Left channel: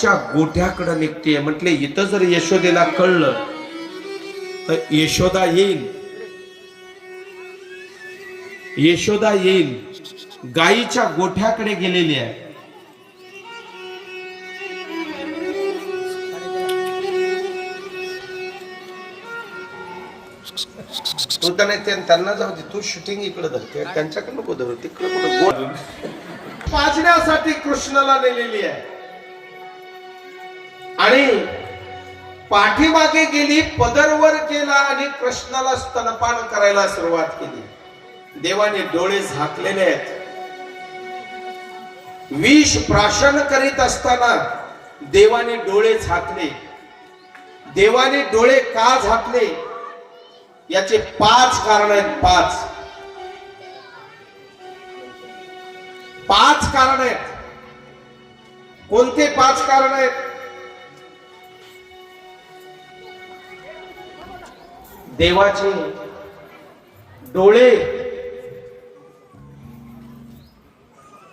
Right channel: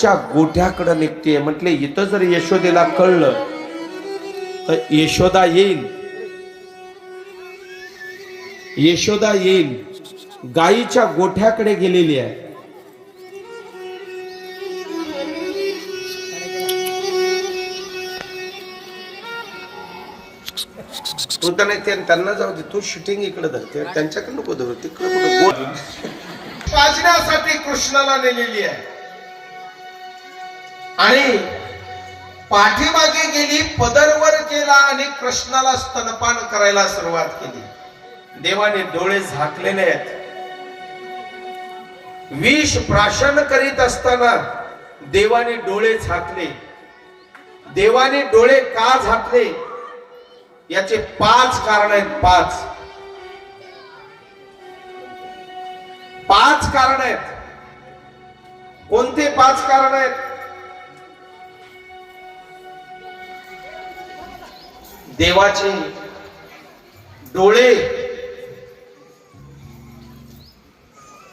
च्या गोठ्याकडे निघते. म्हटले इथं जर यशोदेला कळलं तर यशोदा येईल. यशोदा येईल. गायीच्या गोठ्याकडे गेलेली आहे. तू त्याने ते- त्यांना जाऊ दे तू शूटिंग इकडे धरते त्यांच्याकडे नको धरू तिकडे कुठं कृष्णाला नेलेली आहे. आणि पाठीमागे गेली पदरवर गेला आणि कृष्णाला स्तनपान करायला सुरुवात केली. देवाने डोळे झाकलेले आहेत. विष प्राशन करीत असताना देवाने डोळे झाकले. देवाने डोळे का झाकले? याचे पाच कारण आहेत पाच. पाच कारण आहेत. कोणते पाच कारण आहेत? देवाचे डोळे.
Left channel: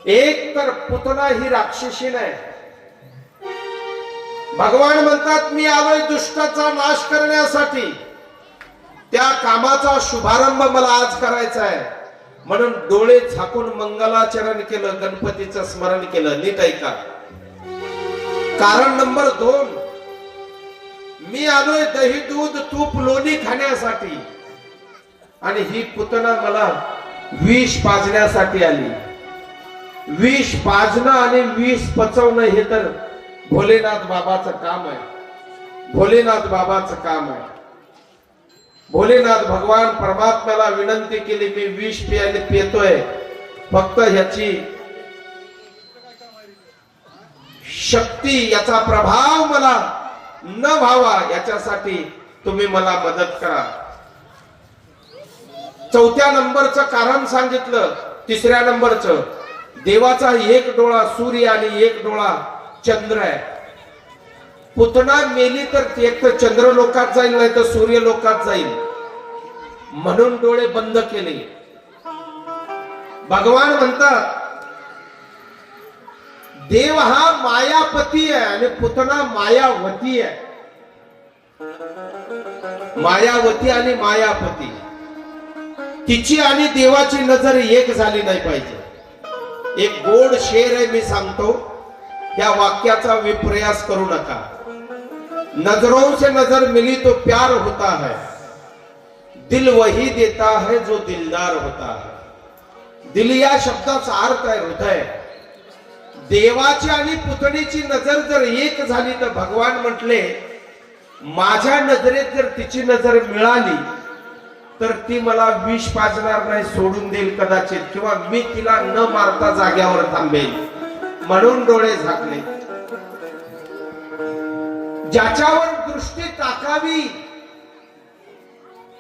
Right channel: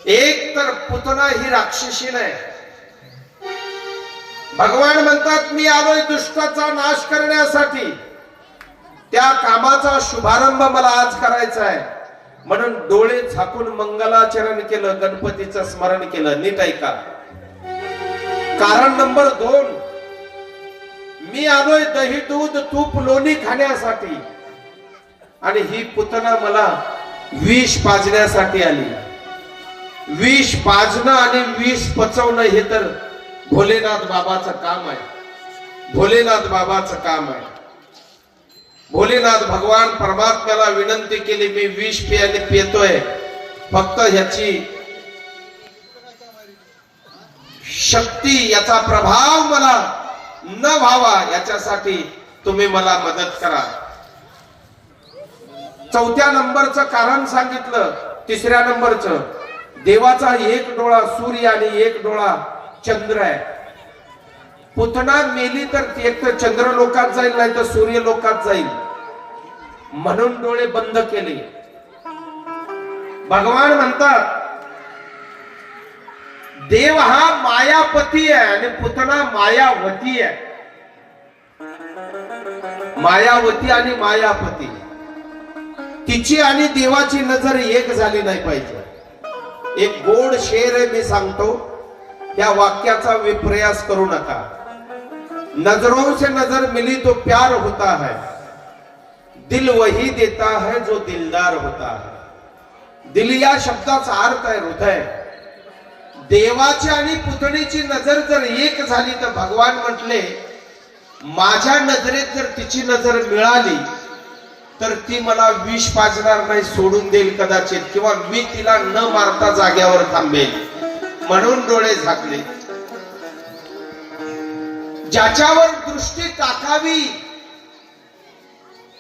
एक तर पुतना ही राक्षसी नाही. भगवान म्हणतात मी आलोय दुष्टाचा नाश करण्यासाठी. त्या कामाचा शुभारंभ मला आज करायचा आहे. म्हणून डोळे झाकून मंगलाचरण केलं गणपतीचं स्मरण केलं नीट ऐका. कारण नंबर दोन मी आलोय दही दूध तूप लोणी खाण्यासाठी. आणि ही पुतना मला विष पाजण्यासाठी आली. विष पाजणं आणि विष पचवणं हे तर भोलेनाथ बाबाचं काम आहे. भोलेनाथ बाबाचं काम आहे. भोलेनाथ भगवान परमात्म्याला विनंती केली मी विष पियाने पितोय. फक्त ह्याची शक्ती याचा प्रभाव मला न व्हावा याच्यासाठी तुम्ही मला मदत करा. चौथ्या नंबरचं कारण सांगितलं तिसऱ्या नंबरचं. देवाचा एक डोळा सूर्य आणि एक डोळा चंद्र आहे. पुतना मेली तर एक तर चंद्र लोकात जाईल नाही तर सूर्य लोकात जाईल. म्हणून डोळे बंद केले. भगवान म्हणतात देव हा मायापती आहे आणि पुतना मायावती आहे. मायावती आणि मायापती. तिची आणि देवाची नजर एक झाली नाही पाहिजे. एक गोड शेर आहे मी सांगतो या वाक्याचा विप्रयास करू नका. नजरों से नजर मिली तो प्यार होता है. दिल वही देता है जो दिलदार होता है. दिल या शब्दाचा अर्थ आहे हृदय. देवाची आणि पुतणीची नजर जर एक झाली तर भगवान म्हटले माझ्या नजरेत जर तिची नजर मिळाली तर ती मला विष पाजणार नाही सोडून देईल कदाचित किंवा मी तिला न मारता जाग्यावर थांबेल. म्हणून डोळे झाकले. ज्याच्यावर दृष्टी टाकावी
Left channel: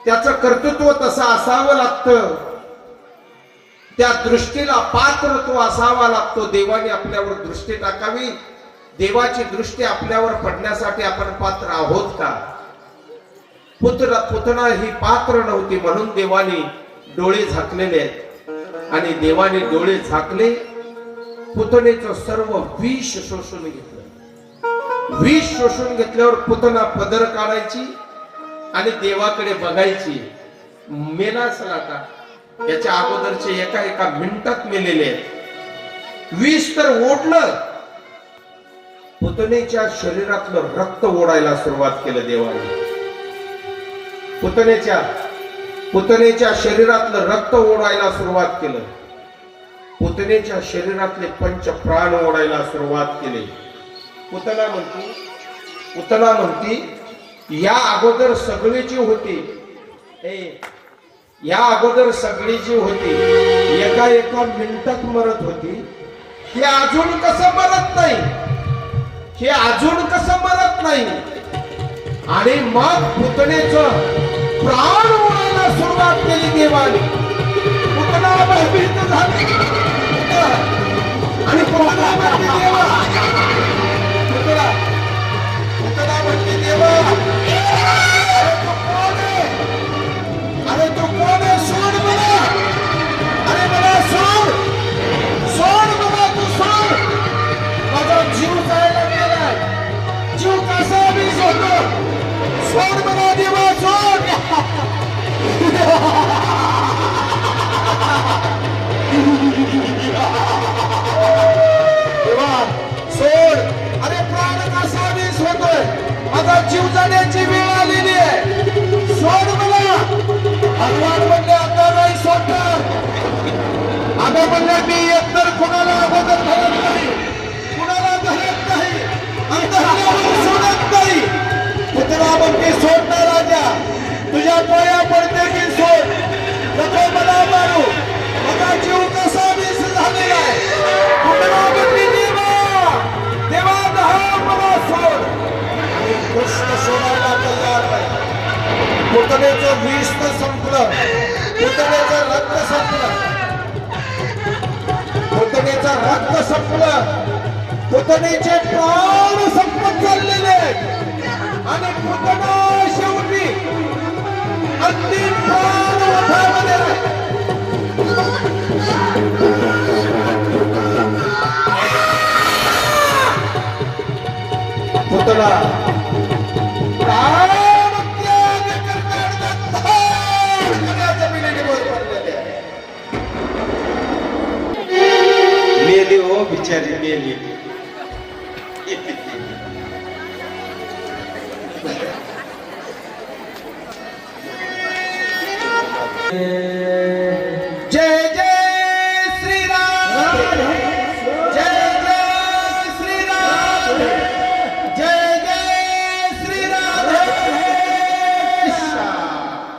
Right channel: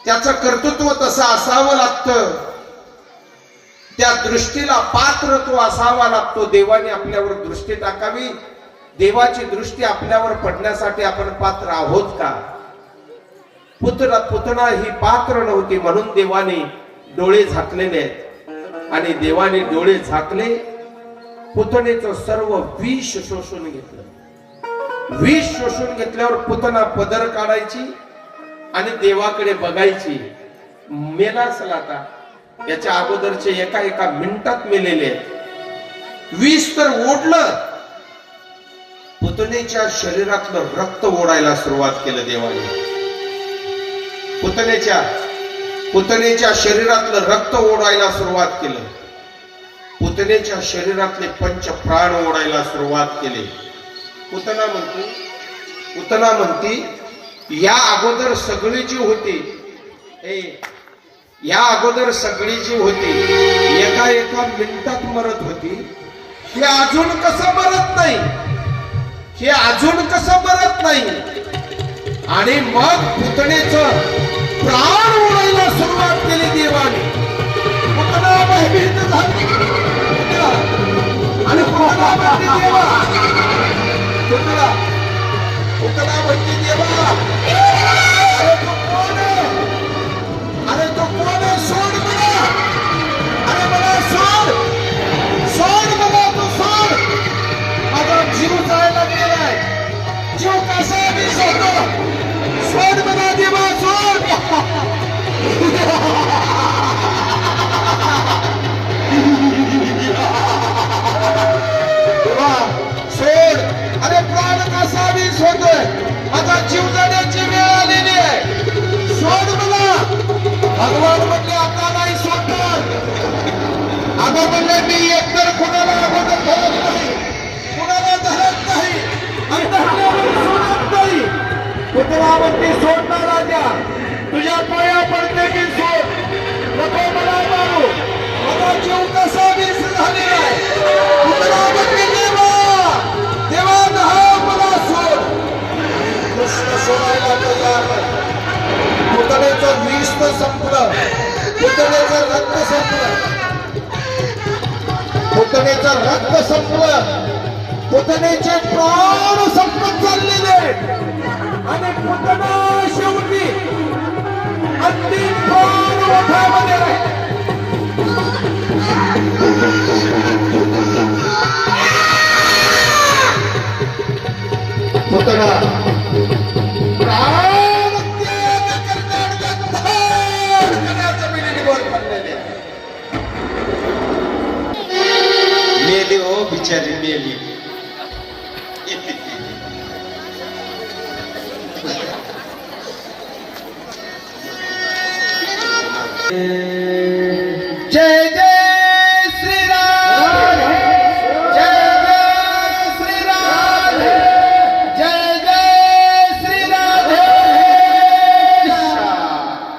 त्याचं कर्तृत्व तसं असावं लागतं. त्या दृष्टीला पात्र तो असावा लागतो. देवाने आपल्यावर दृष्टी टाकावी. देवाची दृष्टी आपल्यावर पडण्यासाठी आपण पात्र आहोत का? पुत्र पुतना ही पात्र नव्हती म्हणून देवाने डोळे झाकलेले आहेत. आणि देवाने डोळे झाकले पुतनेचं सर्व विष शोषून घेतलं. विष शोषून घेतल्यावर पुतना पदर काढायची आणि देवाकडे बघायची. मेला असला याच्या अगोदरचे एका एका मिनिटात मेलेले. वीस तर ओढलं. पुतनेच्या शरीरातलं रक्त ओढायला सुरुवात केलं देवाने. पुतनेच्या पुतनेच्या शरीरातलं रक्त ओढायला सुरुवात केलं. पुतनेच्या शरीरातले पंच प्राण ओढायला सुरुवात केली. पुतना म्हणती पुतना म्हणती या अगोदर सगळी जी होती ए या अगोदर सगळी जी होती एका एका मिनिटात मरत होती. हे अजून कसं मरत नाही? हे अजून कसं मरत नाही? आणि मग पुतणेच प्राण म्हणायला सुरुवात केली देवाने. पुतणा भयभीत झाला. रक्त संपलं. पुतळ्याचं रक्त संपलं. पुतळ्याचं रक्त संपलं. पुतळ्याचे प्राण संपत चाललेले आणि पुतळा शेवटी अंतिम पुतळा Mimi o oh, bichani mimi. Eh.